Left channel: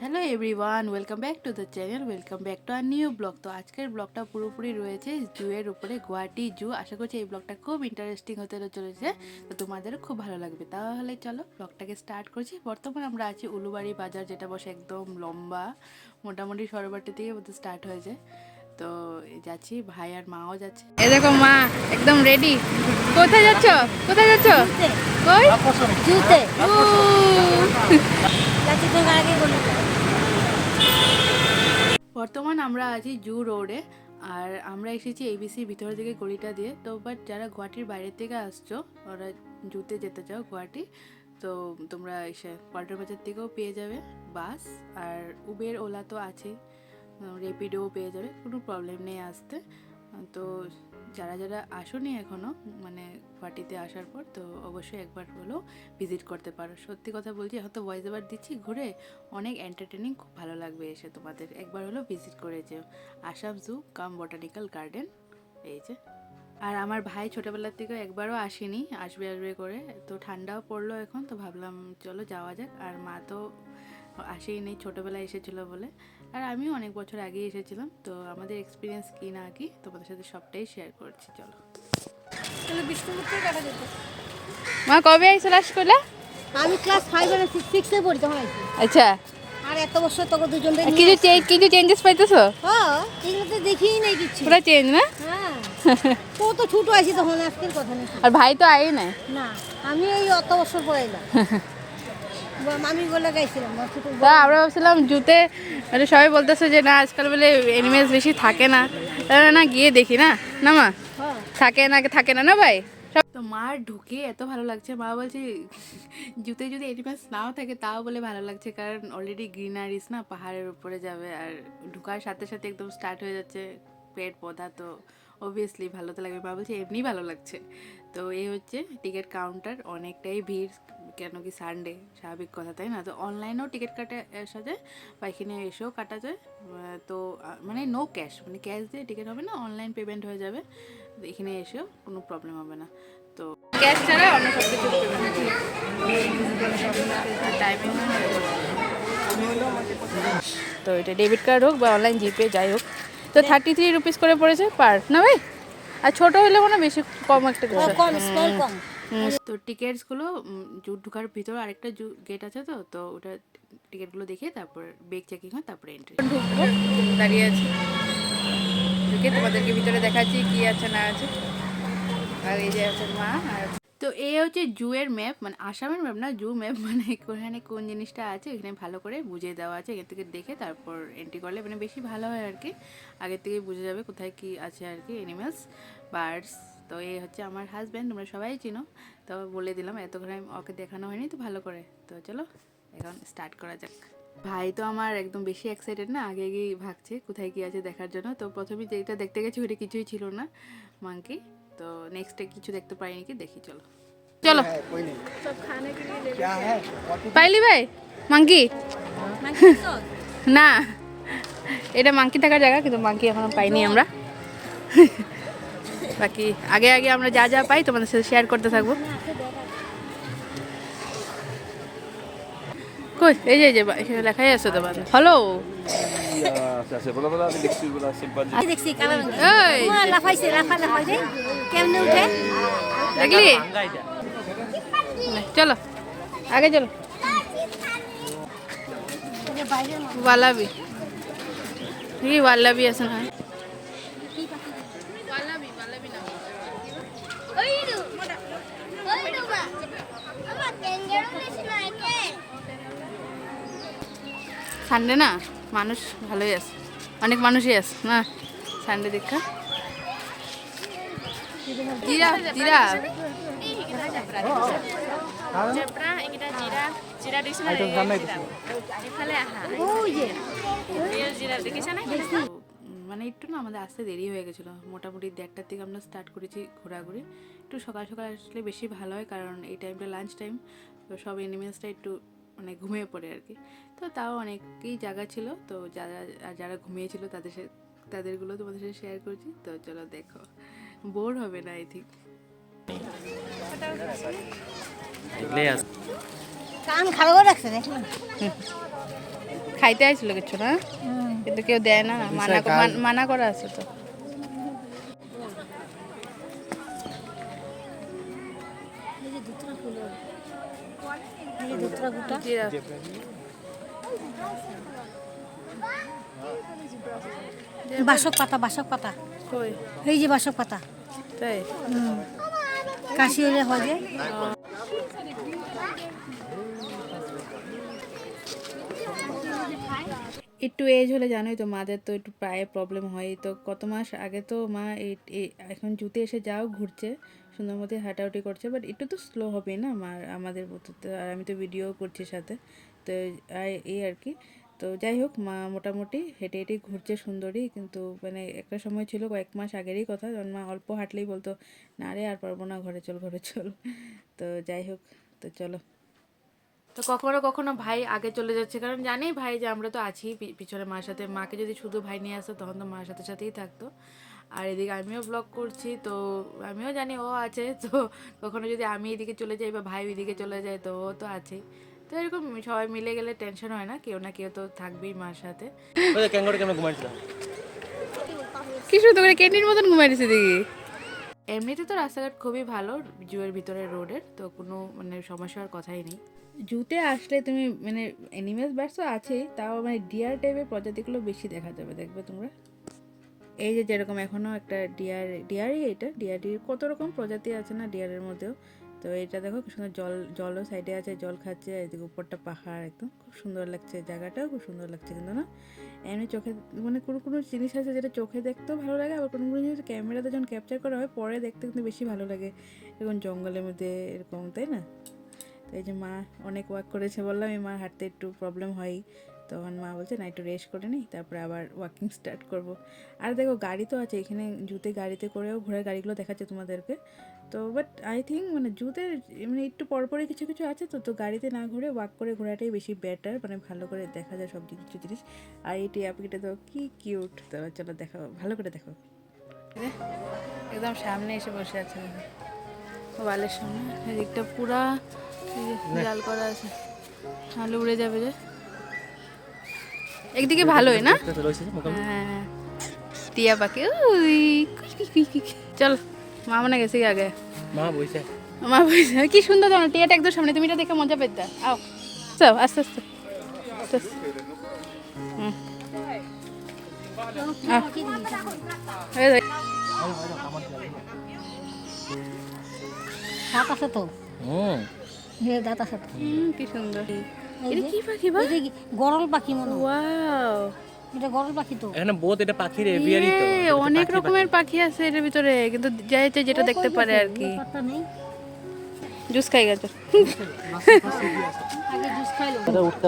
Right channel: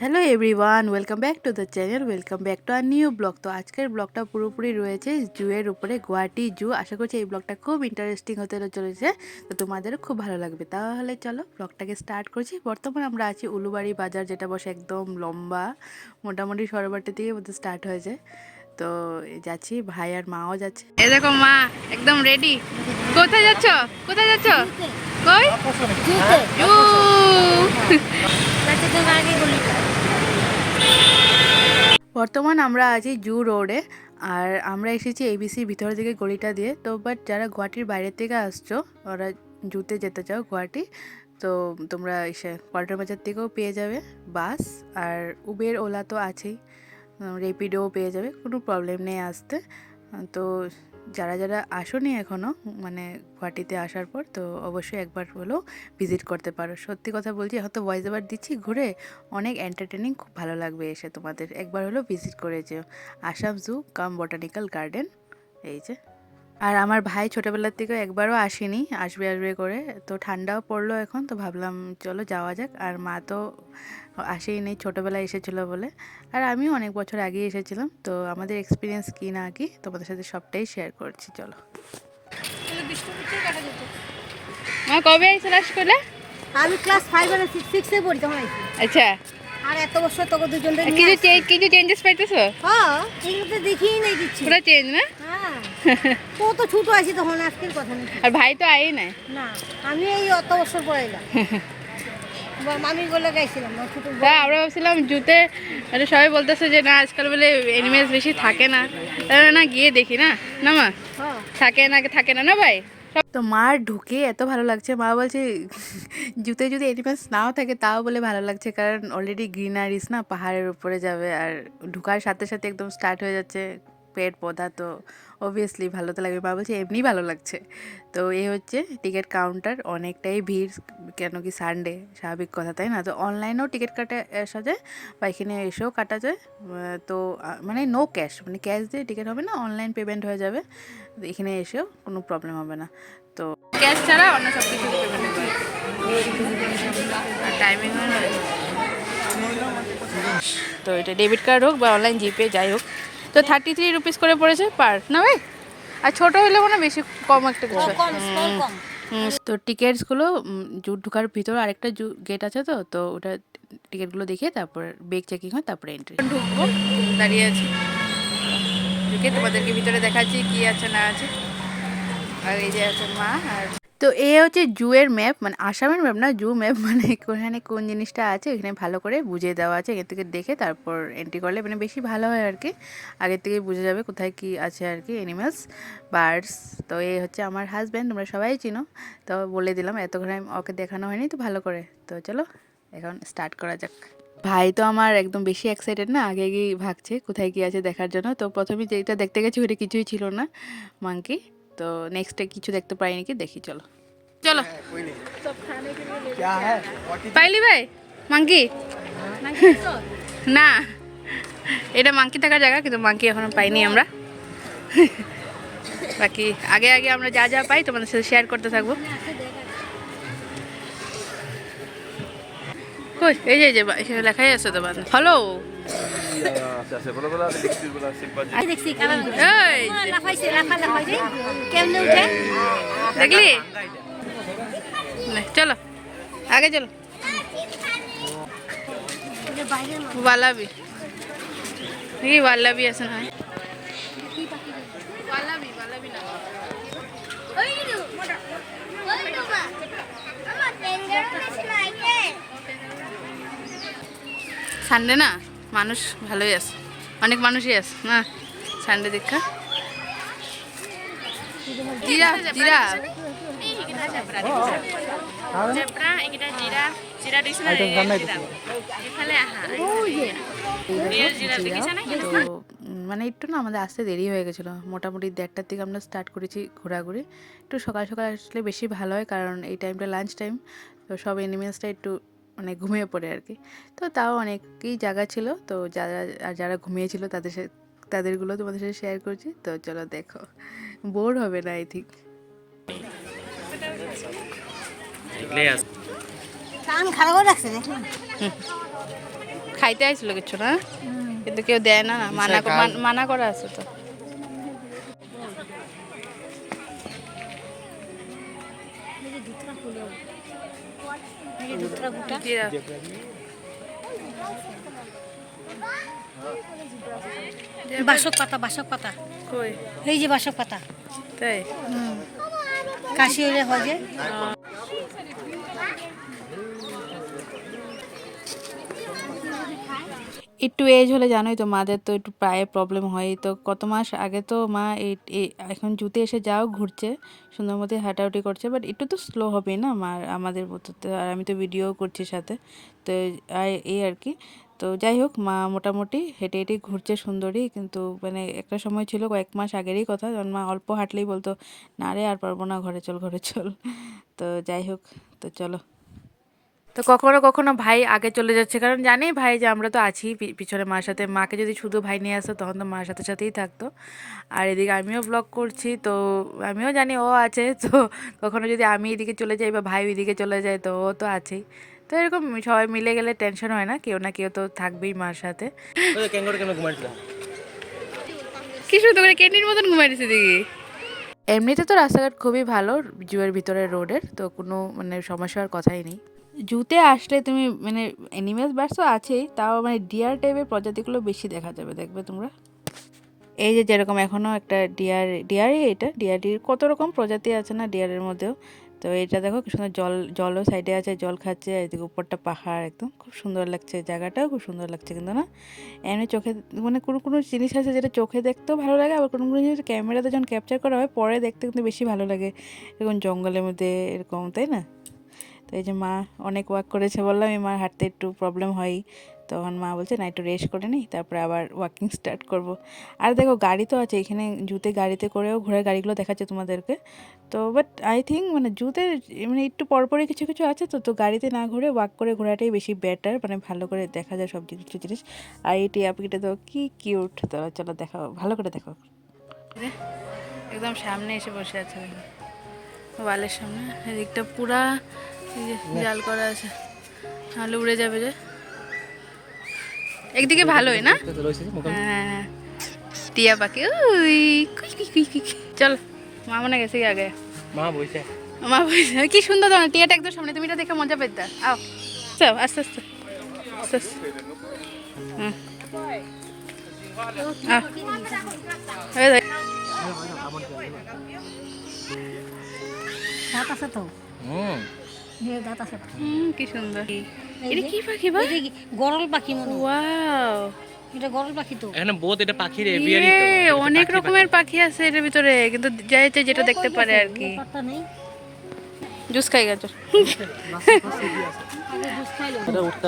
Hello everyone, welcome back to the channel, welcome back to our new blog. তো আজকের ব্লগটা পুরোপুরি রয়েছে জুয়ের উপরে, গুয়াহাটি জু। আশা করছি এই ব্লগটা খুব ইন্টারেস্টিং হতে চলেছে, তো তোমাদেরও খুব ভালো লাগবে। তাহলে চলো ব্লগটাকে স্টার্ট করছি। বর্তমানে আমরা আছি উলুবাড়ি বাজার, যেটা বসে একদম লম্বা, মোটামুটি সরোবরটা থেকে মধ্যে স্টার্ট হয়ে যায়। তো যাচ্ছি, ভাই আর মাও যাচ্ছে। এই দেখো মা একদম রেডি। কোথায় যাচ্ছ? কোথায় যাচ্ছ? কই? জুতে। জু। বর্তমান আমরা আছি জু রোডে, আর আমরা এসেছি এবিসি ভিতর দিকে গলিটা দিয়ে। তো বাট যারা গুয়াহাটির বাইরে থেকে আসছো, ওরা জুতে যেতে চাও গুয়াহাটি, তো তোমরা এসে পল্টন বাজার থেকেও পেয়ে যাবে বাস, আর উবের ওলা তো আছেই, রেপিডোও পেয়ে যাবে, কোনো প্রবলেম নেই আসতে। তো যারা যারা আসোনি এখনও, মানে গুয়াহাটিতে আসার পর, তো অবশ্যই একবার হলেও ভিজিট করতে পারো। সত্যি কথা বলছি, এখন তো ভয়েস ওভার দিচ্ছি ঘুরে, অনেক এন্টারটেনিং, খুব ভালো লাগবে এসে তোমাদের। একবার হলেও ভিজিট করে যেও আসাম জু কাম বোটানিক্যাল গার্ডেন, এই যে। আর আমার ভাই ছোটোবেলার থেকেও একবারও আসেনি, আসবে আসবে করে, তো ঠান্ডাও পড়লো এখন, তো ভাবলাম চলো যাওয়া যাক। আর মা তো আসেই নেই, ছোটোবেলায় এসেছিলো বলে। আর আমিও অনেক বছর আগে এসেছিলাম, তো আমাদের এক্সপিরিয়েন্স কী না কি তোমাদের সাথে সবটাই শেয়ার করছি, চলো। মা কবে আইছো লাস্ট করে? আমি ক্লাস 5 আর 6 এ পড়ি তখন আইছি। আচ্ছা, আর এত বছর তোকে দুজনকে কিছু চেঞ্জেস পাইতেছো? হ্যাঁ, এগুলো তো দেখিই নাই দিচ্ছি। পুরো চেঞ্জ না? হ্যাঁ, তো ছোট আছি তখন, আজকের কথা না। আর ভাই তো আই নাই না, আমি ওই অত বছর পড়াইলাম। আমি বলে গাইছিলাম না ছোট। হ্যাঁ, আমরা ভাবছিলাম জুতে, মানে সবাই বলতেছে যে না আজকাল বলে এনিমেলস বেশি থাকে না, তাহলে না গিয়ে দেখি না। না মা, হ্যাঁ, থাকে না না ভাই। তো মার ঢুকে এত ভালো লাগছে, মা বলছে জুতে যদি এনিমেলস নাও থাকে তাও বলে ভালো লাগছে, কারণ অলরেডি গ্রিনারিস না, পাহাড়ের উপরে যাবে, আর ঢুকার সাথে সাথে একদম স্টার্ট হয়ে যাচ্ছে পেট পৌধা, তো অবভিয়াসলি ভালো তো লাগবে। মা বলছে এমনি ভালো লাগছে। তো এই হচ্ছে টিকিট কাউন্টার, অনেকটাই ভিড়, কেন কি সানডে, স্বাভাবিক কথা তাই না। তো অনলাইনেও টিকিট কাটা আসা যায়, বা এখানে এসেও কাটা যায়। তো মানে নো ক্যাশ, মানে ক্যাশ দিয়ে টিকিট হবে না, অনলাইন পেমেন্ট হয়ে যাবে, এখানে এসেও কোনো প্রবলেম হবে না। তো ক্যাশ ছাড়া অন্য সব কিছু পেমেন্ট হয়, আর টাইমিং হয় না। তো এটা ডেবিট কার্ড হোক বা অনলাইন জিপে যাই হোক, তো 33 রুপিস করে পড়েছে পার, না ভাই? আর ছোটো হলে মানে বেশি কম একটা কিছু। তো টিকিটসগুলো ঢোকার ভিতরে আরেকটা গেট আছে, তো তো ওটা টিকিটগুলো দেখে তারপর বেগ চেকিং হয়, তারপরে এন্ট্রি। ঢুকবো, দাঁড়িয়ে আছি, ঢুকে তোমাদেরকে ভিতরে দেখাচ্ছি কি আছে না আছে। আর এই যে আছে মা। আর তো এ হচ্ছে জুয়ের ম্যাপ, মানে আসামের ম্যাপ না, জু ম্যাপ, মানে ওখানে কোন জিনিসটা আছে এখানে ভালো করে বুঝিয়ে দেওয়া আছে। এখান থেকে দেখে তারপর এন্ট্রি করলে মানে বেশি ভালো হয় আর কি, আগের থেকেই বুঝে যাবে কোথায় কি আছে আর কি, অ্যানিমালস, বার্ডস। তো এই হচ্ছে আমার হাজব্যান্ড, তোমরা সবাই চিনো, তো বলে দিলাম, এতক্ষণ ওকে দেখানো হয়নি তো ভালো করে। তো চলো এখন স্টার্ট করা যাক। ভাই তো আমার একদম বেশি এক্সাইটেড না, আগে আগেই ভাগছে কোথায় কি আছে দেখার জন্য। তো প্রথমে যেটা দেখতে গেছি ওটা কিছুই ছিল না, মাঙ্কি। তো নেক্সটে কিছু দেখতে পাই নাকি দেখি, চলো চলো। পাইলি ভাই মাঙ্কি? না, এটা মাঙ্কি থাকার জায়গা, কিন্তু মাঙ্কি এখনো পাইনি আমরা। বাকি আগে আগে আমরা যা যা পাই তোমাদের সাথে শেয়ার করতে থাকবো। কই এই যে এখানে লেখাই আছে তো হ্যালো। দেখলি? চলো আগে চলো। ওয়ালাবি দেখি, ওয়ালাবি আছে না? সানডে না, মানুষ ভালোই আছে, অনেক মানুষই আছে না সানডে দেখা। জিরাফ জিরাফ জেব্রা, এইকেইটা জিৰাফ, জিৰাফ দেখিছে না? এইফালে আহা, রিয়েল জিরাফ দেখিছা না? মানে একটু না আমাদের আসতে দেরি হয়ে গেছিলো, মোটামুটি 1:30টার থেকে আমরা স্টার্ট করেছি ঘোরাঘুরি। একটু সকাল সকাল আসলে বেশি ভালো হয়, কারণ এই টাইমটা লাঞ্চ টাইম, তো সব এনিমেলসটা একটু মানে ঘুমিয়ে পড়ে আর কি। তো তাও অনেকই জায়গা ছিল, তো যারা ঘুমিয়েছিল তাদেরগুলো তোমাদের সাথে শেয়ার করছি। তো চলো দেখো, বোর হবে না আই থিঙ্ক। কান খারাপ রাখছে দেখলাম। খাইতে আইছিল কিছু না, কিন্তু কেউ দেয় না, মানা করা আছে তো। জিরাফ। বাসক পাতা কই? এই যে বাসক পাতা, তাই? কাশি হলে হয় যে। একটু এজ হলে জানোই তো মাদের তো একটু পায়ে প্রবলেম হয়। তো কত মাস আগে তো মা এখন জুতে এসে যাও ঘুরছে, সুন্দর মতো হাঁটাহাঁটি করছে, বাট একটু তো স্লো হবেই না মার আমাদের মতো তো। আর আমি তো ভিডিও করছি সাথে, তো এই আর কি। তো যাই হোক, মা মোটামুটি হেঁটে হেঁটে ঘুরছে সুন্দরী। কিন্তু মানে একটা সময় ছিল, কয়েক মাস আগেরই কথা, যখন মা অল্প হাঁটলেই বলতো না রে আর পারবো না, ঘরে চল ঘরে চল। তো যাই হোক, তো চলো। তো কখনো কখনো ভাই আগে চলে যাচ্ছে, কারণ জানি ভাই যে আমরা তো আছি পিছনে মার সাথে। মাকে যদি শুধু ভাই নিয়ে আসতো তখন তো মার সাথে সাথেই থাকতো। আর এদিকে আমিও ব্লগ করছি, তো আমিও জানি ও আছে। তো কখনো যদি আমি এদিকে চলে যাই বা ভাই ওইদিকে চলে যায়, তো ও তো আছেই। তো এরকম সবাই মিলে গেলে টেনশন হয় না কেউ তো থাকবেই মার সাথে। কি শুধু করে ক্যান্টির মতন ঘুমাইছে দেখি। এমনিতে তো রাস্তাঘাট খুবই ভালো জুয়ের ভিতরে রোডের, তো কোনো মানে সমস্যা হওয়ার কথাই নেই। জুতে আসলে তুমি মানে অ্যানিমেলস বার্ডস তো আছেই, তাও মানে ডিয়ার টাইপের প্রজাতিগুলো বেশি দেখা যাবে, দেখবে তোমরা। এই যে যেরকম এখনও একটা ডিয়ারই, এটা ডিয়ারির কত রকম প্রজাতি আছে না ডিয়ারের মধ্যেও। তো এটা দেখো কি সুন্দর, জলও সাইডে আছে, জল খাচ্ছে। এদিকে উপরটা পাহাড়, একদম খুব সুন্দর লাগছে, জায়গাটাও খুব সুন্দর লাগছে কিন্তু না। এমনি চোখে মানে কোনো কোনো জিনিস আছে যেটা চোখে দেখতেও ভালো লাগে, আবার কোনো কোনো জিনিস ক্যামেরাতে যখন ক্যাপচার করা হয় পরে দেখতে কিন্তু বেশি ভালো লাগে, এরকম জঙ্গলের মধ্যে এরকম, তাই না? তো এই যে মা অনেক ওয়াক করেছে, বললাম এই মার হাঁটতে একটু প্রবলেম হয়, তখন মা বলছে না একটু রেস্ট করে নিই, তারপরে আবার ওয়াকিং স্টার্ট করব। আর দেখো গাড়ি তো আছে এখানে, জুতে গাড়িতে করেও ঘোরার গাড়িগুলো দেখাচ্ছে তোমাদেরকে। তো বাট আই থিঙ্ক মানে জুতে মানে একটু পরপরই কিছু কিছু আছে, তো গাড়িতে না ঘুরে ওয়াক করে ঘোরাটাই বেশি বেটার, মানে ভালো করে দেখা যায় সব কিছু জিনিস। আর এই টিয়া পাখিটা তো কি কিউট, তো চলো দেখাও, ভালো করে দেখো। একদম সামনে এসে বসে আছে ওয়ালের সামনে, এদিকটা পুরা জাল করা আছে, তাহলে উড়ে যাবে যে। একদিকে ভালোই না, হ্যাঁ টিয়া পাখি। ওই চল, মা মনে গেছি আগে, মা বইছে কি সুন্দর জানো, টিয়াটা একদম সামনে, তুমি এটা দেখে মজা পেতে। আও চল আস্তে আস্তে আস্তে আস্তে। দাঁত আছে তো, দাঁত আছে তো। কি সুন্দর, এটা কি পাখি বা? গরল পাখি মনে হয়। ওয়াও, এটা গরল পাখি তো। এখানে বহুত এটা পাখির এভিয়ারি তো, অনেক রকমের পাখি আছে এর ভিতরে, কিন্তু যাইতে যেটা দেখতে পারে আর কি। পাতা নেই, জুস খাই গেছে, আগে জুস খাইলো। এটা উঠতে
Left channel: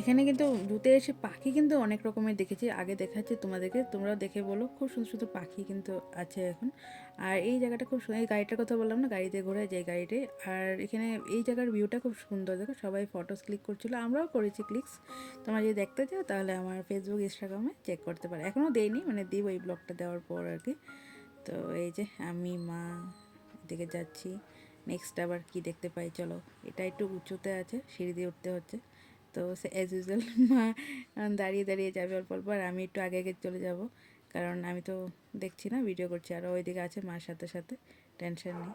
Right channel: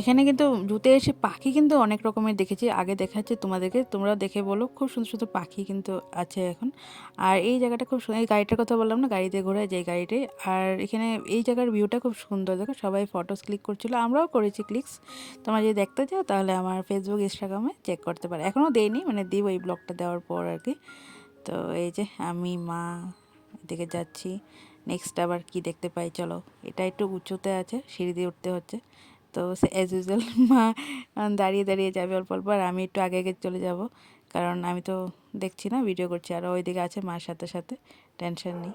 এখানে কিন্তু জুতে এসে পাখি কিন্তু অনেক রকমের দেখেছি, আগে দেখাচ্ছি তোমাদেরকে, তোমরা দেখে বলো। খুব সুন্দর সুন্দর পাখি কিন্তু আছে এখন। আর এই জায়গাটা খুব সুন্দর, এই গাড়িটার কথা বললাম না, গাড়িতে ঘোরা যে গাড়িটাই। আর এখানে এই জায়গার ভিউটা খুব সুন্দর, দেখো সবাই ফটোস ক্লিক করছিল, আমরাও করেছি ক্লিকস। তোমরা যদি দেখতে চাও তাহলে আমার ফেসবুক ইনস্টাগ্রামে চেক করতে পারো, এখনও দেইনি, মানে দিব এই ব্লগটা দেওয়ার পর আর কি। তো এই যে আমি মা এদিকে যাচ্ছি, নেক্সট আবার কি দেখতে পাই চলো। এটা একটু উঁচুতে আছে, সিঁড়ি দিয়ে উঠতে হচ্ছে। তো অ্যাজ ইউজুয়াল মা দাঁড়িয়ে দাঁড়িয়ে যাবে অল্প অল্প, আর আমি একটু আগে আগে চলে যাব, কারণ আমি তো দেখছি না, ভিডিও করছি। আর ওইদিকে আছে মার সাথে সাথে, টেনশন নেই।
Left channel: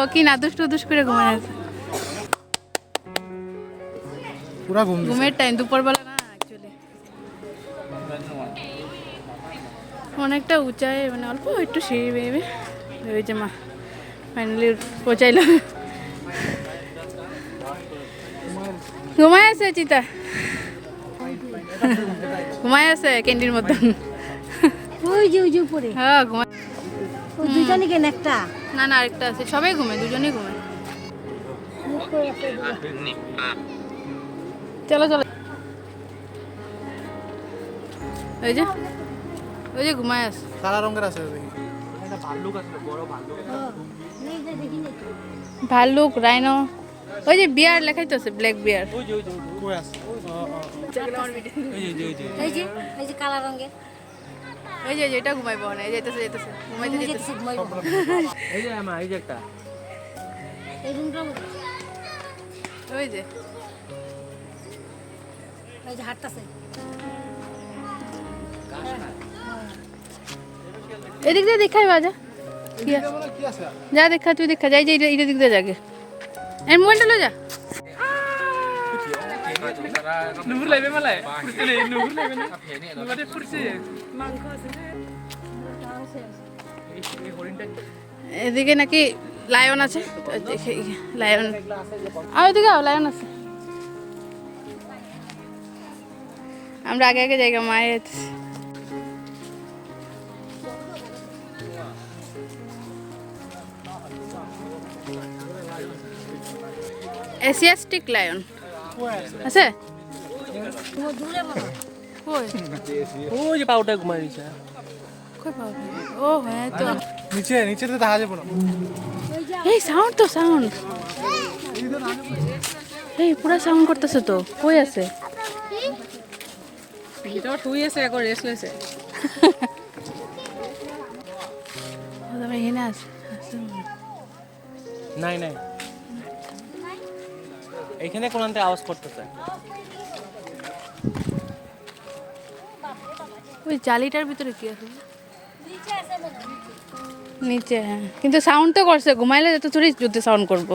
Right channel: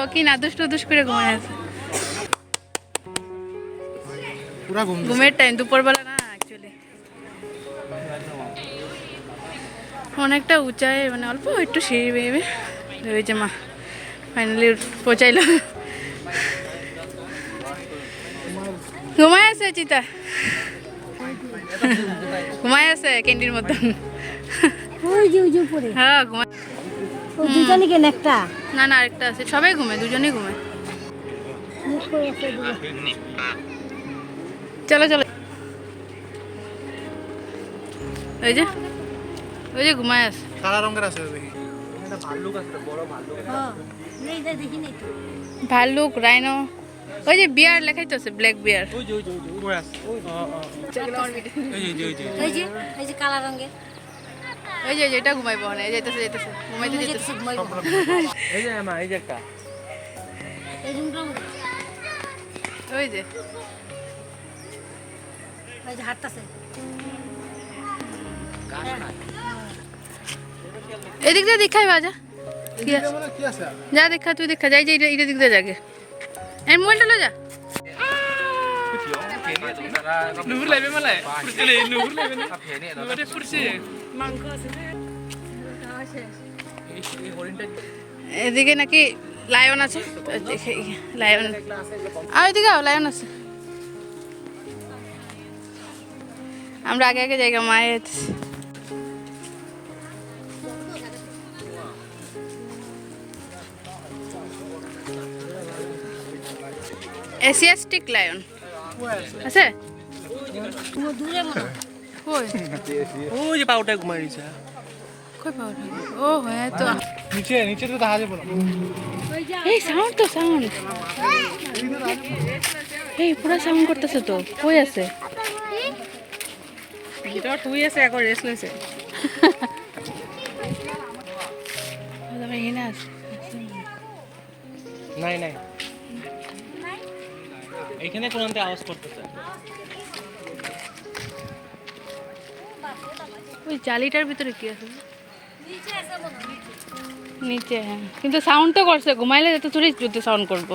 ও কি না দুষ্টু করে ঘুমায় আছে, ঘুমের টাইম দুপুরবেলা না অ্যাকচুয়ালি। অনেকটা উঁচায়, মানে অল্প একটু সিঁড়ি বেয়ে ওই যে মা ফাইনালি পৌঁছাইল। ঘুমায় আছে চিতা, ঘুমায় আছে ক্যান্ডির মতন। ওই যে উপরে, হ্যাঁ ঘুমায়। ওই দুজনই কেন একটা? না আরেকটা আছে, সবাই ঘুমায়, দুজনেই ঘুমায়। চলো চলো, ওই যে ঘুমায় আছে, কালা রঙের আছে দেখি, এটা ভাল্লুক আছে, বড় ভাল্লুক। হ্যাঁ, এই যে দেখি না তো। ভাল্লুক, রাইনো, ওই যে বিয়ার লেখাই তো আছে, ব্ল্যাক বিয়ার। কই আছে এই যে এই যে কালা রঙের এই যে যেটা ঘুমাইবো না, এই যাইতেছে যাইতেছে ঘুমাইতে ঘুমিয়ে যাইতেছে। যেতেছে, ঘুমাইবো। এই যে আমার এই যে একটা এই রুমটা ওই যে এই যে হাঁটতাছে। এদিক দিয়ে দেখাই বাজা কি আছে? কি আছে যা দেখা তুই দেখা, যাই যে এটা দিক দিয়ে যাকে এই মোবাইলটা লো যা। নুহুর লাইবে মালাই পুরসে নুহুর লাইবে না নুহুরে পুরসে এই হরিণটা এদিকে নাকি লায়ন আছে, দেখি লায়ন। আর ওইদিকে লায়ন আছে। আমরা আগে আগে জায়গা মায়ের এশিয়াস্টিক লায়ন আছে দূরে মনে কই ওই যে পাউটা ঘুমাই দিছে কই পাওয়া ও হ্যাঁ তো নিচে নিচে তো দেখা যাবে না এই সাউন্ড তো সাউন্ড এই পুরো সাউন্ড করতেছে তো কই আছে এটা টুই আছে এখন রেস্ট লইছে আমি এখানে আছে নাই নাই এখানে কোন আনতে আওয়াজ করতেছে ওই জালিটার ভিতরে কি আছে নিচে আছে মনে নিচে হ্যাঁ কিন্তু সাউন্ড তো করছে ঘুমাইলে যত চুরি যদি সাউন্ড করবো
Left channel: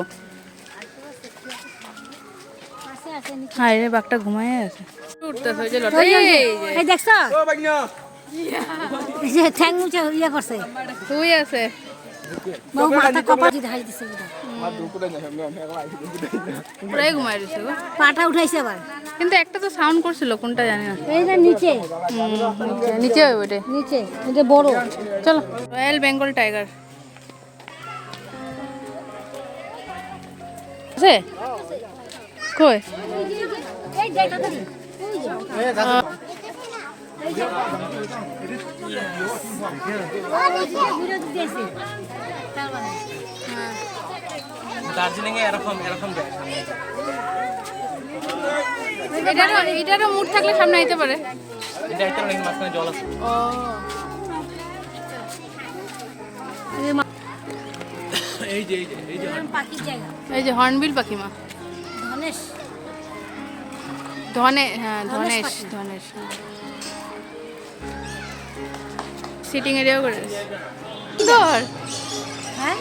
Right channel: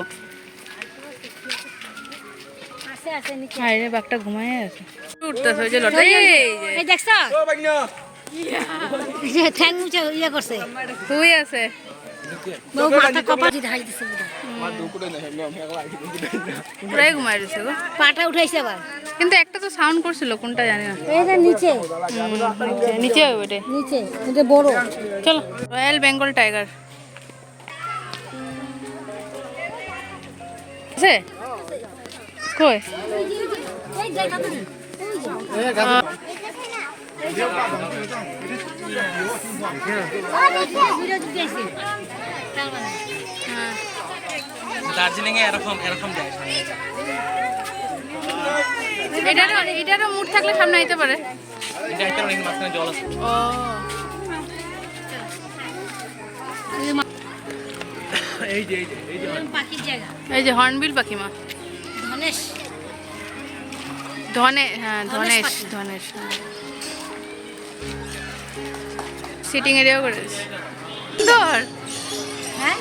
আছে আছে নিচে হায় রে বাঘটা ঘুমায় আছে উঠতেছে ওই যে লটা এই যে এই দেখছো ও বাগনা এই যে ঠ্যাং মুছে ইয়া করছে তুই আছে বউ মাথা কপা দিয়ে ঢাই দিছে বুদা পুরাই ঘুমাই রয়েছে গো পাটা উঠাইছে আবার কিন্তু একটা তো সাউন্ড করছিল কোনটা জানি না এই যে নিচে নিচে ওই ওইটা নিচে এটা বড় চলো রয়্যাল বেঙ্গল টাইগার আছে কই এই দেখা তো হ্যাঁ দার্জিলিং এ এরকম এরকম যায় এটারও মুড থাকলে সামনে আইতে পারে এটা একটা লিঙ্ক মাঝখানে জল আছে ও এই যে পাখির জায়গা এই যে হর্নবিল পাখি মা ধনেশ ধনেশ হ্যাঁ সিটিং এরিয়াও করে সুন্দর হ্যাঁ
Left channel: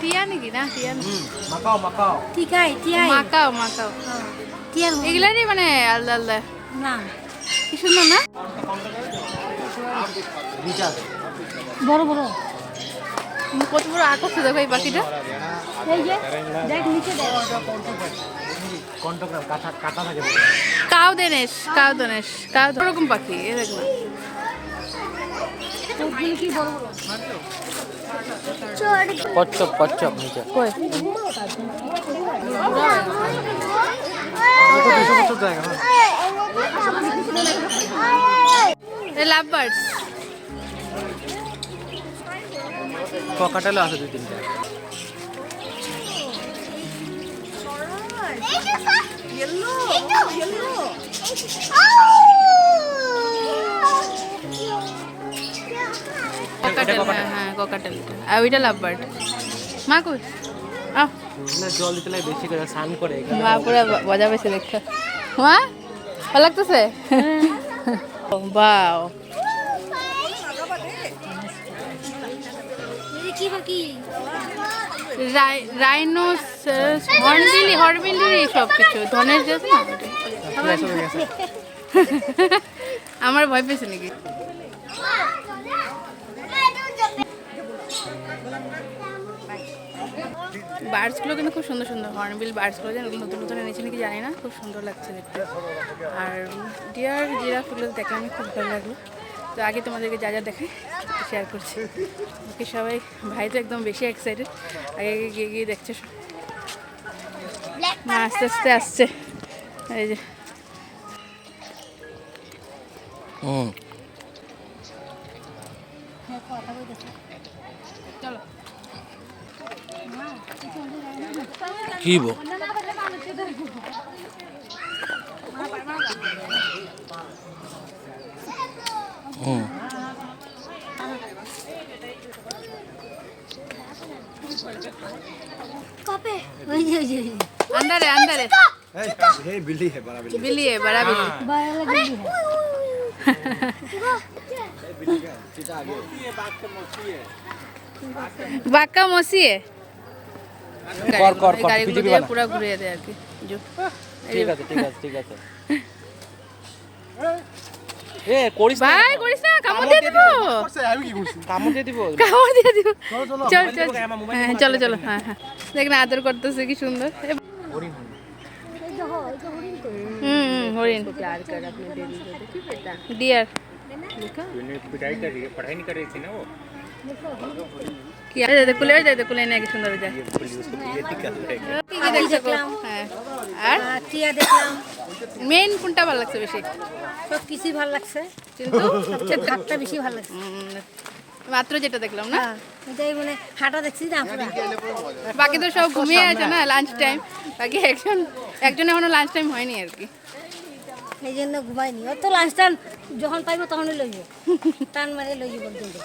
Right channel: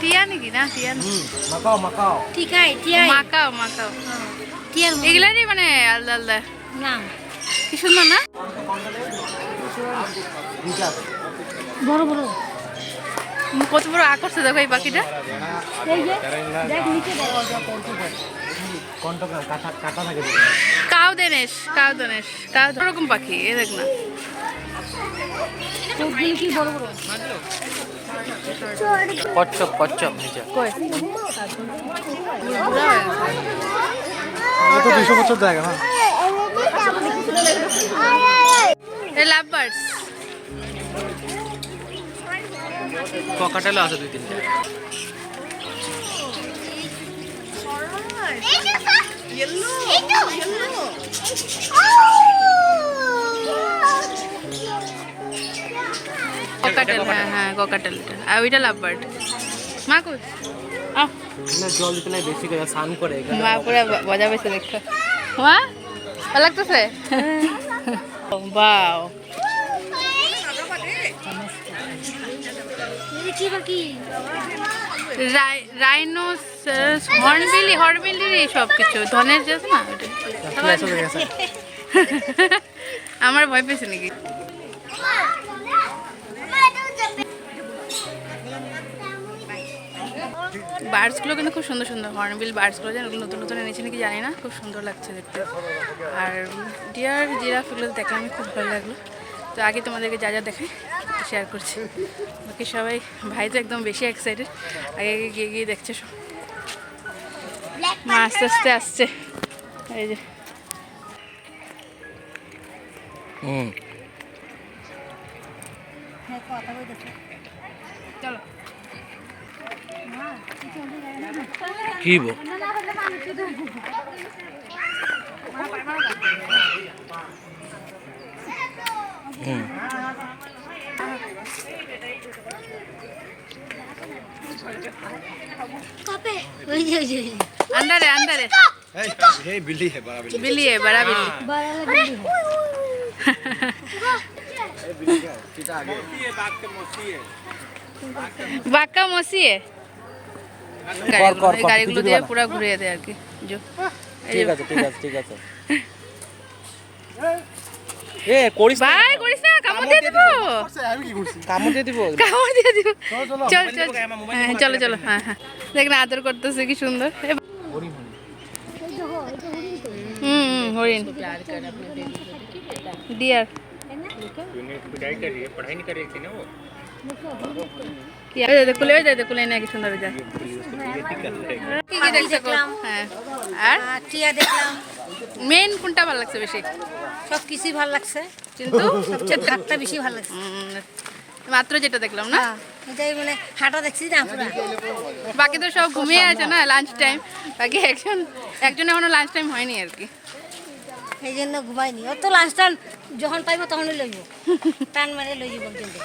টিয়া নাকি না টিয়া না মাকাও মাকাও ঠিকাই টিয়াই মাকাও টিয়ার এগুলারই মানে আলাদা আলাদা না কি সুন্দর না বড় বড় কত বড় আকাশে দেখো এই পাখিটা এই যে দেখ নিচে দেখ কোনটা কাটা কাটা থাকে কাউ দনেশ ওরকম পাখি এ দেখ না কি বড় বড় কচ্ছপ নিচে কই বুড়া হয়ে গেছে এটা 200 বছর জায়গা এই লাভ বার্ডস ককাটেল আছে দুই তিনটা হ্যাঁ ককাটেল এটা আর ওইটা লাভ বার্ড মা কই আহ না জল দিতে বেশি করে স্নান করে মা পুরো মজা পেয়েছে দেখতে মা ভালো লাগতেছে বাও কি বাকি রাইনোসেরাস হর্নবিলি সব কিছু ধনের যে আছে না ওটা আমার ভয় পেয়েছে নাকি বার্ডসগুলো কিন্তু খুব সুন্দর সুন্দর হর্নবিল বার্ডসগুলো যেন নতুন নতুন এনেছে নাকি জানি না খুব সুন্দর লাগছে দেখতে আর ডিয়ার জিরাফ এগুলো দেখলে আমি খুব ভালো লাগলো তো আগে তোমাদেরকে যা যা দেখাই শেয়ার করছি বাকি সবাই ভাই তো একদম বেশি এক্সাইটেড আগে আগে গিয়ে গিয়ে দেখছে সব মা আস্তে আস্তে আসছে এই যে চলো কি বো अंदर है अंदर है बिल्ली है बड़ा बिल्ली है बड़ा बिल्ली बाघ का मौसी है গাড়িগুলো দিয়ে পুরো ঘুরিয়ে দেয় আর কি ঠিক আছে এ করিস না ভাই করিস না কামড় দিয়ে দিব আমি কি করছি কামড় দিয়ে দিব চল চল হ্যাঁ চলো চলো হ্যাঁ হ্যাঁ দেখ না আদর করতেছে কি সুন্দর हरिण प्यार कर अपने बेबी को देखिए बेटा डियर पढ़ाई कर रही है पढ़ाई नहीं कर रही थी ना वो क्या दे कुले कुले ने কি সুন্দর যায় কি কি দেখছো হ্যাঁ আর টিয়া দেখলাম মেইন কোনটা ভালো লাগছে বেশি সব কিছুই ভালো লাগছে কিন্তু সবচেয়ে ঘাটটা বেশি ভালো লাগছে মাত্র যেটা দেখলাম না হ্যাঁ এটাই মানে হাঁটা দেখছি না পুরো বাকি তো সব ঘুমিয়ে আছে না লাঞ্চ টাইম বাকি একজন এখনো লাঞ্চ টাইম হয়নি আর কি এই জন্য ঘুমাইনি ও তো লাঞ্চ টাইম যখন পাইবো তখনই লইব টান মারে লই যাব কিন্তু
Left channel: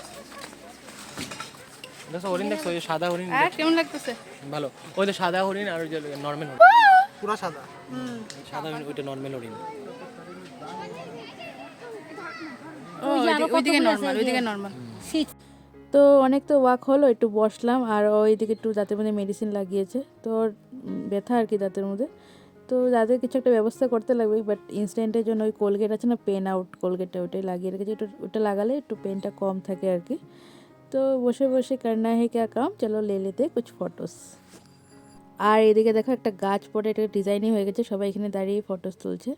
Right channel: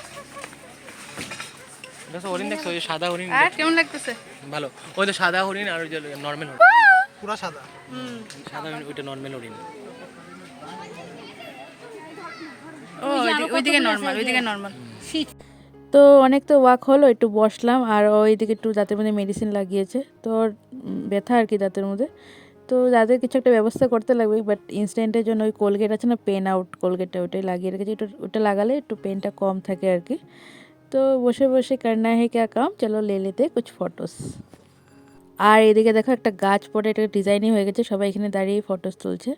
দেখো হরিণ দেখছো এই সাদা হরিণ আর কেমন লাগতেছে ভালো ওই তো সাদা হরিণ আর ওই যে নরমাল হরিণ পুরো সাদা সাদা হরিণ ওইটা নরমাল হরিণ ও ওইদিকে নরমাল তো অনেক তো ওয়াক হলো একটু বসলাম আর ওইদিকে একটু দাঁতের মধ্যে মেডিসিন লাগিয়েছে তো ব্যথা আর কি দাঁতের মধ্যে তো দাঁতের কিছু একটা ব্যবস্থা করতে লাগবে বাট ইনস্ট্যান্টের জন্য ওই কোলগেট আছে না পেন আউট কোলগেটটা ওটাই লাগিয়ে রেখেছি ওটা লাগালে একটু পেনটা কম থাকে আর কি তো বসে বসে করনা है क्या काम চলো ले लेते कुछ फोटोस আর এদিকে দেখো একটা গাছ পড়ে এটা ডিজাইনই হয়ে গেছে সবাই এখানে দাঁড়িয়ে ফটোস তুলছে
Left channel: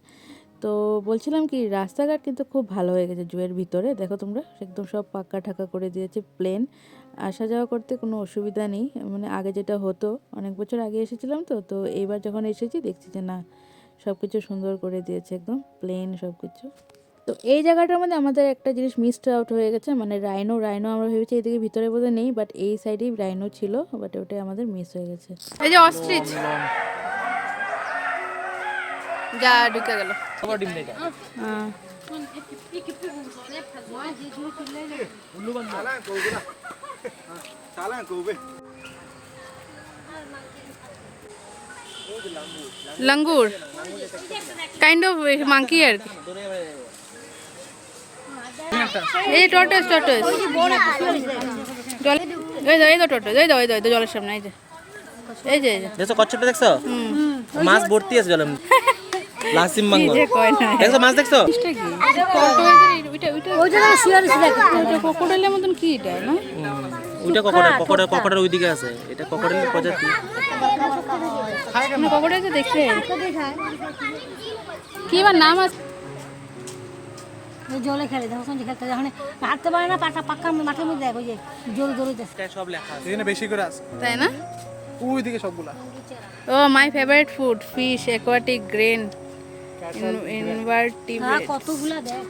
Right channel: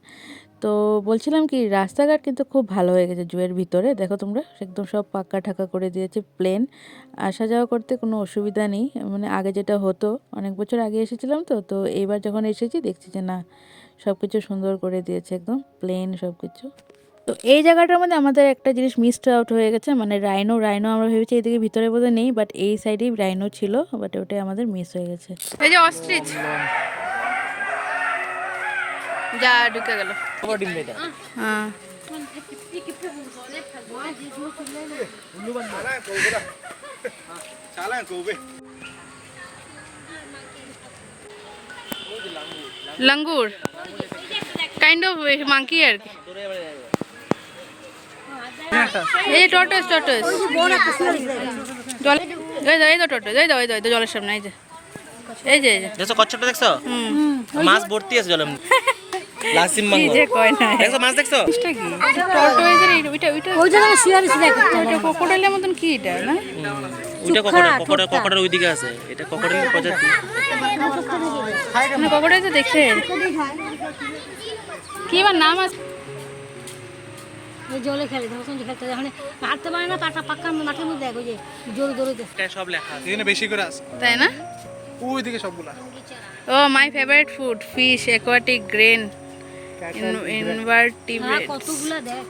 তো বলছিলাম কি রাস্তাঘাট কিন্তু খুব ভালো হয়ে গেছে জুয়ের ভিতরে দেখো তোমরা একদম সব পাক্কা ঠাকা করে দিয়েছে প্লেন আসা যাওয়া করতে কোনো অসুবিধা নেই মানে আগে যেটা হতো অনেক বছর আগে এসেছিলাম তো এইবার যখন এসেছি দেখছি যে না সব কিছু সুন্দর করে দিয়েছে একদম প্লেন সব কিছু তো এই জায়গাটার মধ্যে আমাদের একটা জিনিস মিসড আউট হয়ে গেছে মানে রাইনো আমরা ভেবেছি এদিকে ভিতরে বোধহয় নেই বাট এই সাইডেই রাইনো ছিল বাট ওটাই আমাদের মিস হয়ে গেছে এই যে অস্ট্রিচ যা ঢুকে গেল ডিম দেটা হ্যাঁ लंगूर काइंड ऑफ मंकी আর কি এই টর্টয়েস জল এই তো টর্টয়েস এই তো জলের সামনে এই যে দেখছো কচ্ছপটা দেখছো মাছ ভর্তি আছে জলের মধ্যে লাসিম মাঙ্গো যে কয় না দেখছো মাছ দেখছো এটা কি টর্টয়েসের ওইটা ওই জায়গায় শুয়ে আছে দেখো ওইটা ক্রোকোডাইলের মতন কি এটা না ওইটা ককড়া ওইদিকে আছে এটা ককড়ার প্রজাতি না ক্রোকোডাইল তো দেখছে কি বা নাম আছে ওই জলে খেলে দেখো কোন খেলতে যখন হাঁটতে পারে না পাটা পাক্কা মাঠের মধ্যে দেখো যে জোরে দৌড়াইতেছে সব লেখা আছে এখানে বেশি করে আছে তাই না ওইদিকে সবগুলা ও my favourite food fish aquatic grain invertebrates কতগুলা দেখ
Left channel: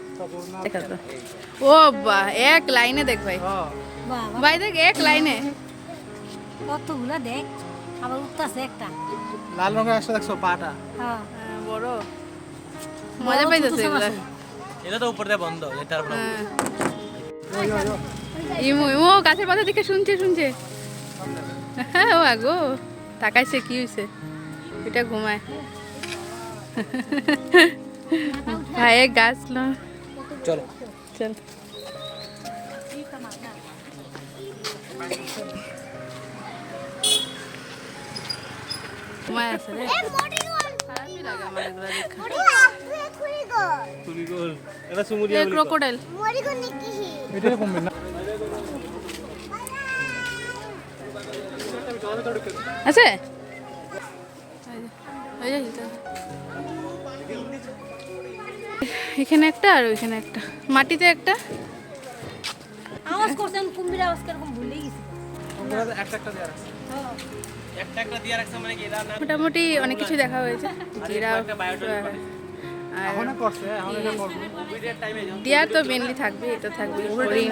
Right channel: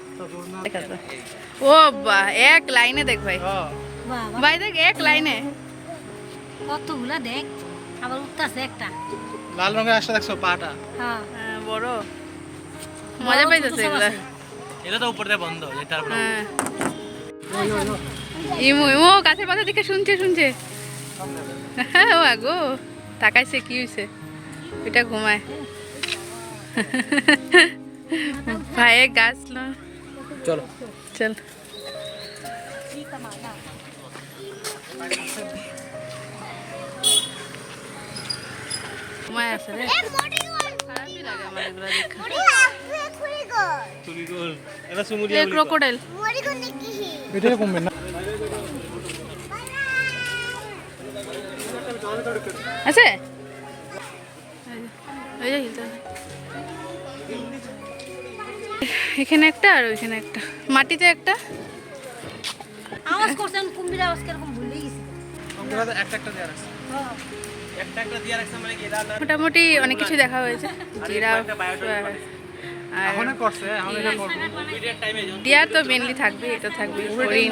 ও বাহ এক লাইনে দেখ ভাই বাবা ভাই দেখ এক লাইনে কতগুলা দেখ আবার উঠতাছে একটা লাল রঙের আসছে দেখছো পাটা হ্যাঁ হ্যাঁ বড় মজা পাইতেছে এগুলা এটা তো উপর দিয়ে বন্ধ তারপরে হ্যাঁ ইমু গাছের পাতা দেখে শুনছে হ্যাঁ ও আগো তাকাইছে কি হয়েছে এটা ঘুমায় ভাই গাছ লো চলো চল ঘুমায় আছে রে খারাপই লাগে আমার এগুলো দেখা এটা সুমুরি ক্রোকোডাইল এটাই কমবে না আছে এই যে হিলতে এখানে একটা আর ওইখানে একটা মাটিতে একটা আওয়াজ করছেন কুম্ভীর আওয়াজ কিরকম ভুলেই গেছি একটা দেওয়ার আছে একটা দিয়ে রাখছে মানে কি এটা না মোটামুটি অনেক কিছু দেখা হয়েছে জিরাফ আর এখন করছে এখন এটা করবো ডিয়ার তো মেনলি থাকবে, এটা থাকবে হরিণ।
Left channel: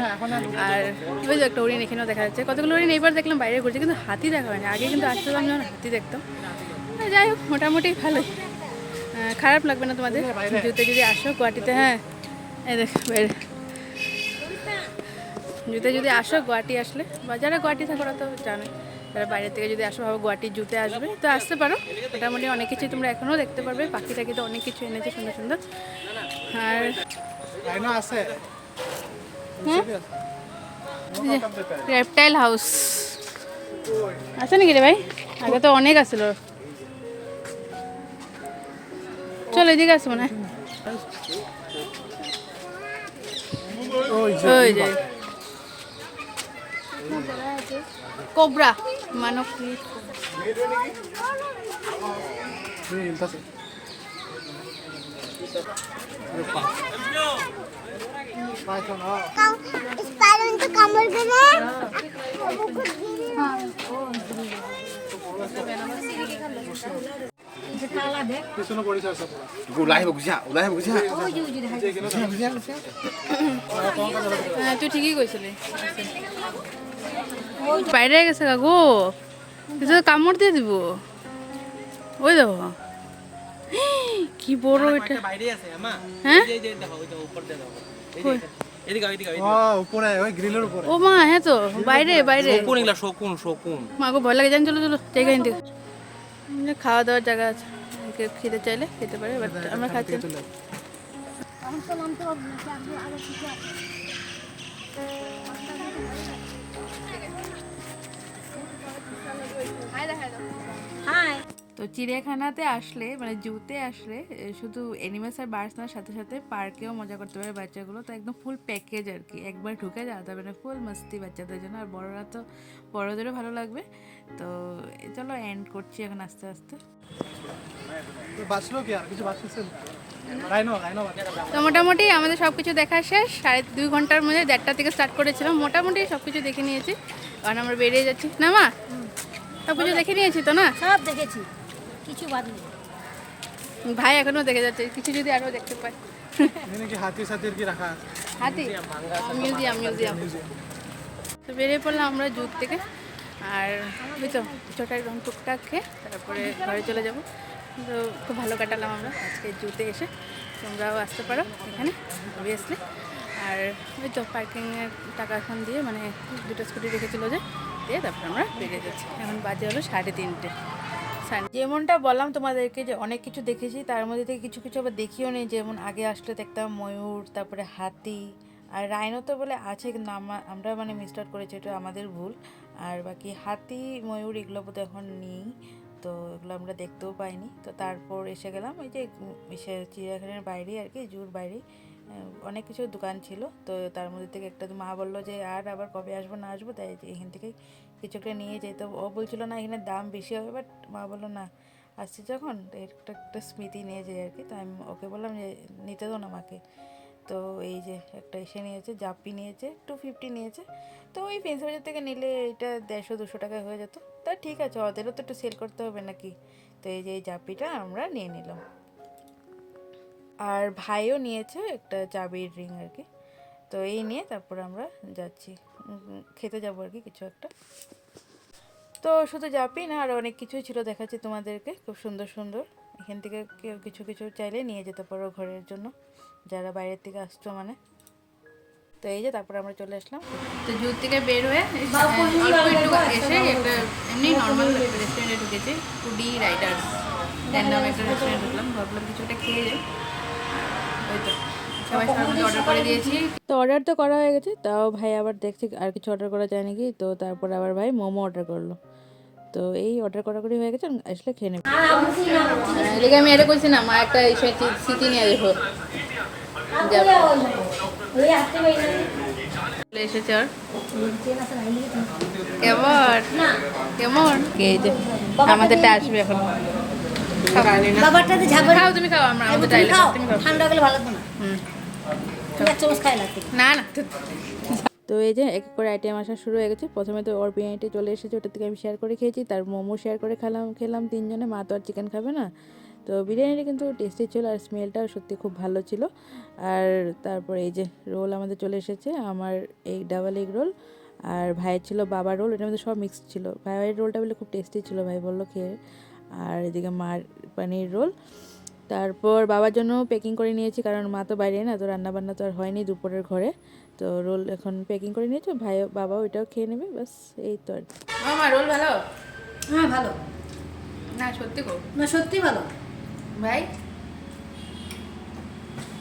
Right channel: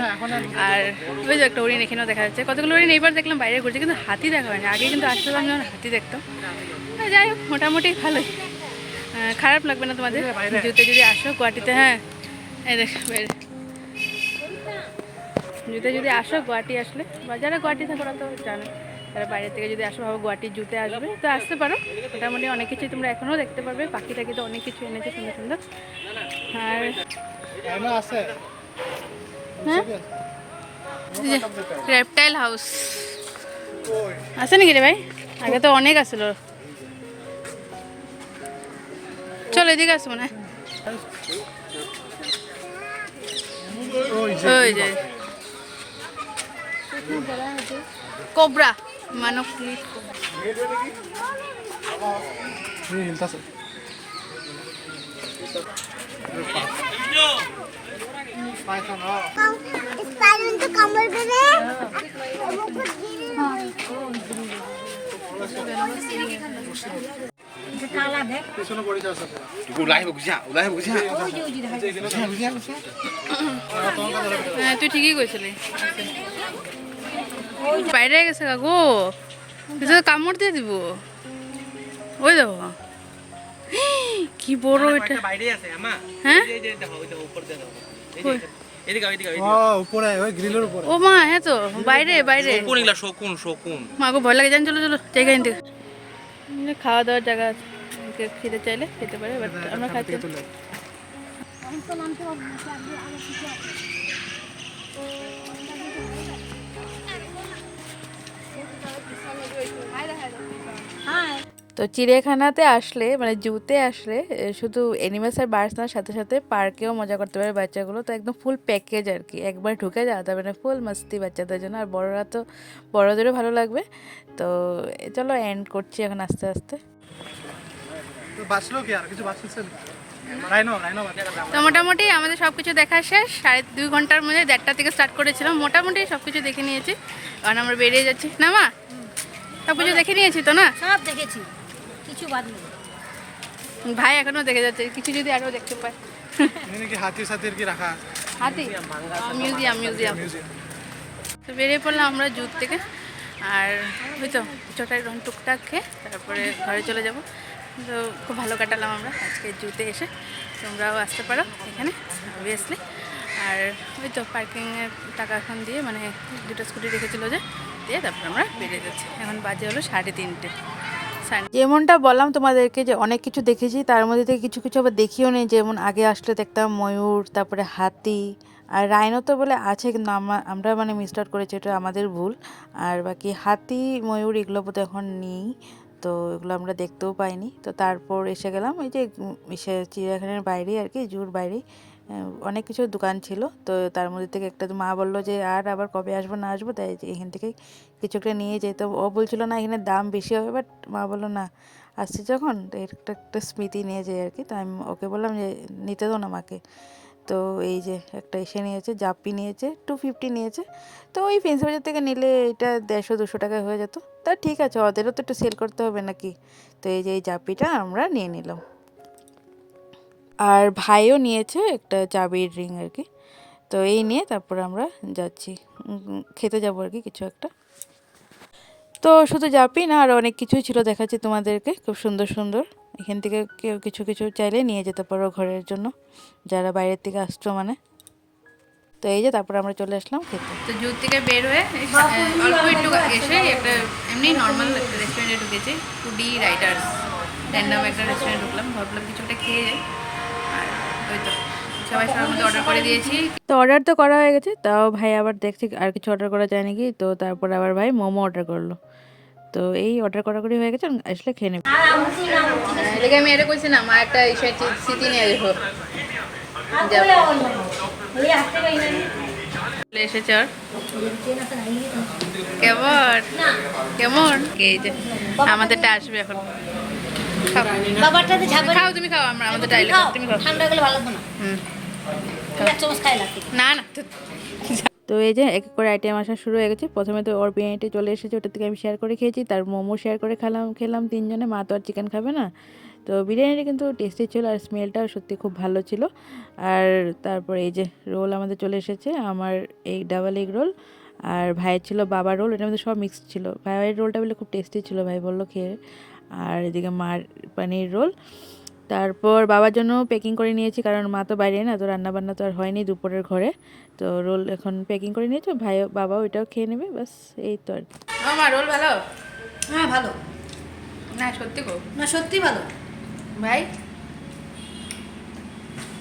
আর ওই যে একটা হরিণ এখানেও দেখা যাচ্ছে, কতগুলো হরিণ এইবার দেখলাম বাইরে ঘুরছে, কিন্তু হাতি দেখা হয়নি। আগে কিন্তু আসলাম যখন হাতি দেখতাম। যাই হোক মোটামুটি ভালোই, খারাপ লাগবে না তোমাদের জুতে যদি আসো গুয়াহাটিতে। হ্যাঁ এই দেখ বাইরে জুতে যদি আসো, গুয়াহাটি আসলে বা যারা গুয়াহাটি থাকো ওরা তো জানে, যারা বাইরে থেকে যদি আসো ভাবো গুয়াহাটির জুতে আসবে তো আসতে পারো। মোটামুটি অনেক কিছুই তোমরা এখনও দেখতে পারবে, পাখি টাকি তো অনেক কিছু এনেছে সুন্দর সুন্দর। আর আয়না আছে হ্যাঁ রেপটাইল হাউস আছে নাকি রে ভাই? আগে তো অনেক আসছিল। চলো এদিকে আসবো না, ওই যে কোবরা মানব হিলতাছে পাইথন যে কালা দেখ পিছনে পড়েছে আছে হ্যাঁ তুই ঠিকই কইছিলি। বাইরে গেছে কাকু, তুই তো কামড় দিয়ে দিব। ওই দেখো কি বড় এটা। বাইরে আছে আমা। হ্যাঁ এই যে দেখো ওইটা উপর দিয়ে দাও। কই? এদিকে এদিকে ও উপরে ওই গ্রিলের উপরে ও মা হ্যাঁ তো বাইরে বাইরে। শকুন এগুলা শকুন শকুন। মাকে ভয় লাগে, জান চলো চলো জায়গা নিতে। খাওয়া দাওয়ার জায়গা আছে, কেউ খেতে চাইলে খেতে পারে, বাট আমরা খাচ্ছি না। এখন তো নামতে হবে না, আগে আগে কিছু আছে। হাই তো চিড়িয়াখানাতে আসলে মানে জুতে আসলে শুধু অ্যানিমালস আর বার্ডস নেওয়ার সাথে সাথে পার্কেও মজা করতে পারে বাচ্চাগুলো। তো একদম ফুল প্যাকেজ আর কি, একবার ঢুকে যাওয়া যাবে না, ফুল মস্তি বাচ্চাদের জন্য। আর বড়রা তো বড়দেরও ভালো লাগবে। তো চলো এন্ড করছি এখন আস্তে আস্তে। তো বাঁচলো কি আর কিছু বাঁচছে রাইনো রাইনো বাঁচা তো মোটামুটি আমাদের সব কিছু দেখা শেষ, 2.5 ঘন্টার মধ্যে 1টা থেকে স্টার্ট করেছিলাম। মোটামুটি সব কিছু দেখে নিয়েছি, কারণ আমরা বেরিয়ে যাচ্ছি না মা। সব কিছু দেখে নিয়েছি তো না? সব দেখেছি, কিছু বাদ নেই। ভাই এখনো দেখে যাচ্ছে, কিছু যদি আরও দেখতে পায়। এখানে কি হাতি সাথীর কি রাখা আছে হাতি মিউজিয়াম মিউজিয়াম। তো বেরিয়ে পড়লাম আমরা জুত থেকে। আর ওই তো ছোটা একদম টুকটাক খেয়ে তারপরে ঘরে চলে যাব। তো খুব ভালো কাটালাম আমরা আজকে জুতে এসে। তোমরাও আসতে পারো এখানে অবভিয়াসলি। আর ওই তো পার্কিংয়ের টাকা এখন দিয়ে, মানে 2টা স্কুটি রেখেছিল যে, দিয়ে তারপর আমরা বেরিয়ে যাচ্ছি। এখন বাজে হলো 3:30। যেমনটা বললাম তোমাদেরকে যে অনেক কিছু দেখেছি, তার মধ্যে থেকে কিছু কিছু আবার দেখিও নেই। যেমন আগে আসলে দেখতাম ময়ূর, তারপরে হাতি আর রাইনো তো বলে আছে, কিন্তু আমরা মানে মিস আউট করেছি, এটা আমাদের ভুল। আর বাকি হাতি ময়ূর এগুলো বোধহয় এখন নেই, তো এগুলো আমরা দেখতেও পাইনি। তো তারপর এসে গেলাম এই যে চিড়িয়াখানার বাইরে আর কি, জুর বাইরে অনেক কিছু দোকান ছিল। তো তার মধ্যে থেকে একটা মা বললো যে আর আবার কবে আসবো না আসবো, তাই এখান থেকে কিছু একটা নিয়ে যেতে। ও বলছিল না এখানে দাম বেশি হবে, বাট মা বললো না আসছি যখন একটা একটা স্মৃতি নিয়ে যায় আর কি। তো আমি ওকে বললাম যে নিতে দাও না মাকে। তো এই যে একটা এসে নিয়েছে, জাপ্পি নিয়েছে, 250 নিয়েছে। তো ওই ফেন্সি বাজার থেকে নিলে এটা 150-200 টাকায় হয়ে যেত। তা ঠিক আছে, ওদেরও তো একটু সেল করতে হবে নাকি। তো এই যে এই জাপ্পিটা আমরা নিয়ে নিলাম। আর ভাইও নিয়েছে একটা চাবির রিং আর কি। তো এই নিয়ে তারপর আমরা যাচ্ছি, খেতে যাবো আর কি কিছু একটা। তো শুধু জাপি না, আর অনেক কিছুই ছিল দেখাচ্ছি তোমাদেরকে, খুব সুন্দর সুন্দর। এখান থেকে কেউ কিছু কিছু চাইলে নিয়ে যেতে পারো ঘরের জন্য, যারা বাইরের থেকে আসছো মানে। তো এই যে তারপর আমরা চলে আসলাম খেতে। তো জুত থেকে বের হয়ে অল্প একটু এসে একটা এমনি নর্মাল একটা রেস্টুরেন্টে ঢুকেছি, ফুডি রাইডার্স র্যান্ডাম একটা রেস্টুরেন্টে ঢুকলাম, ভাবলাম কিছু একটা খেয়ে যাই। আর ওই তো সবাই সবার মধ্যে অর্ডার করে দিয়েছি। তো অর্ডার তো করা হয়ে গেছে, তাও ভাই আবার দেখছি আর কিছু অর্ডার করা যায় নাকি। তো তারপর আবার ভাই মোমো অর্ডার করলো। তো এই অর্ডার করাকরি হয়ে গেছে, আসলে খেয়ে নেব। এদিকে আমি এটা করছি না, মা একটা স্মৃতি নিয়ে দেখো এসেছে। আর কেমন কেমন এই যে আমাদেরটা আসবে এখন। বাবারটাতে ঝাপা খাও তুমি, খাও, আমরা আমাদের ডাইলে তুমি খাও। ঠান্ডা গেলে ভালো তো না। হুম এক চামচ খাই লাগবে না না। তো এই যে এক এক করে আইটেম আসা শুরু হয়ে গেছে। প্রথমে তো ওর বিরিয়ানিটা চলে এসেছে, ওটা থেকে আমি শেয়ার করে খেয়েছি। তার মোমো শেয়ার করে খেলাম 3 জনে। মা তো আর চিকেন খাবে না, তো বিরিয়ানিটা কিন্তু টেস্টি ছিল আর স্মেলটাও সত্যি খুব ভালো ছিল। আর তারপরে এই যে রোল আমাদের চলে এসেছে, আমার এই ডাবল এগ রোল আর ভাইয়ের ছিল বাবার রোল, এটার মধ্যে সব মিক্সড ছিল। ভাইয়ের রোলটা বলে খুব টেস্টি ছিল, ভাই বললো খেয়ে। আর এদিকে মার পানির রোল। তারপর বাবার জন্য প্যাকিং করে নিয়েছি, কারণ মা তো বাইরে না, তো রান্নাবান্না তো আর হয়নি দুপুরের ঘরে। তো রোল এখন প্যাকিং করে নিয়েছো, ভাই বাবাও এটাও খেয়ে নেবে, বাস এই তো আর। আমার রোল ভালো? হ্যাঁ ভালো, না সত্যি গো না সত্যি ভালো। ভাই।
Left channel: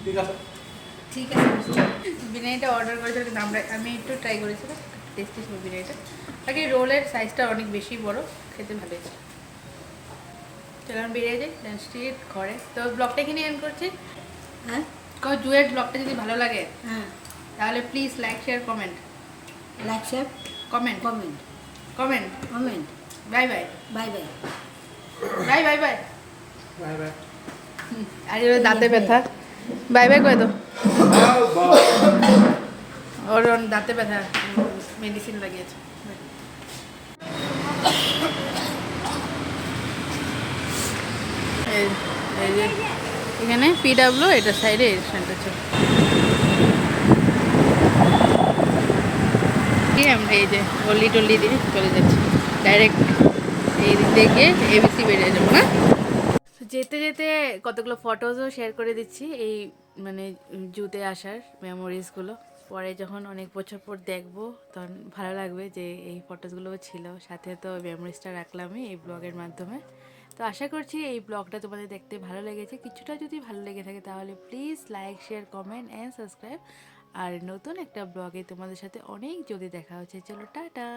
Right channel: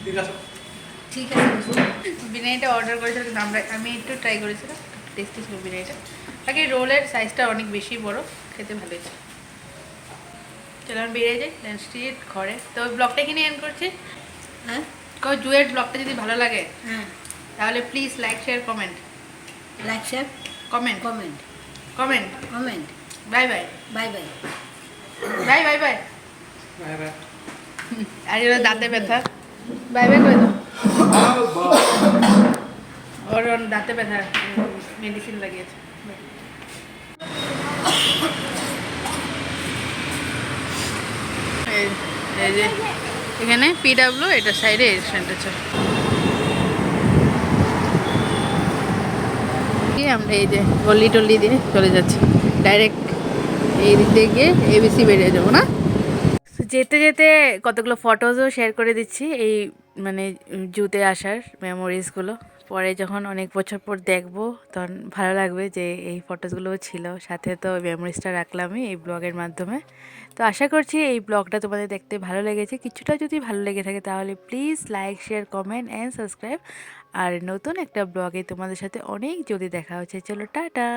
ঠিক আছে। ঠিক আছে। বিরিয়ানিটা অর্ডার করেছিল কিন্তু আমি একটু ট্রাই করেছিলাম, টেস্টি ছিল বিরিয়ানিটা। বাকি রোলের সাইজটা অনেক বেশি বড়, খেতে ভালো হয়েছে। চলো আমি বেরিয়ে যাই, দেন স্ট্রিট ঘরে। তো ব্লগটা এখানে এন্ড করছি। হ্যাঁ জুয়ের ব্লগটা যদি ভালো লাগে হ্যাঁ, তাহলে please like share comment like share comment comment comment. Comment. Bye bye bye bye. Bye bye bye. Bye bye. আর ওর দাঁতে ব্যথা, বাই বাই করে দাও। ওর দাঁতে ব্যথা, মেডিসিন লাগিয়েছে। এই যে এখানে পিডাব্লিউ, এটা সাইডে রেস্টুরেন্ট আছে। আমরা এই যে গল্লি টল্লি দিয়ে চলে যাচ্ছি, ডাইরেক্ট এই দিক দিয়ে এবিসি বেরিয়ে যাবো না। যেতে যেতে কতগুলো ফটোজও শেয়ার করে দিচ্ছি, এই মানে জুতে আসার মেমোরিজগুলো। পরে যখন অনেক বছর পর দেখবো তখন ভালো লাগবে যে এই ফটোসগুলোও ছিল, সাথে তো মেমোরিজটা রাখলামই এই ব্লগের মাধ্যমে। তো আশা করছি এই ব্লগটা তোমাদের দেখতে ভালো লেগেছে। কিছুটা যদি ভালো লেগে থাকে তাহলে please like share comment and subscribe. আর নতুন একটা ব্লগে তোমাদের সাথে অনেক জলদি দেখা হচ্ছে। চলো টাটা।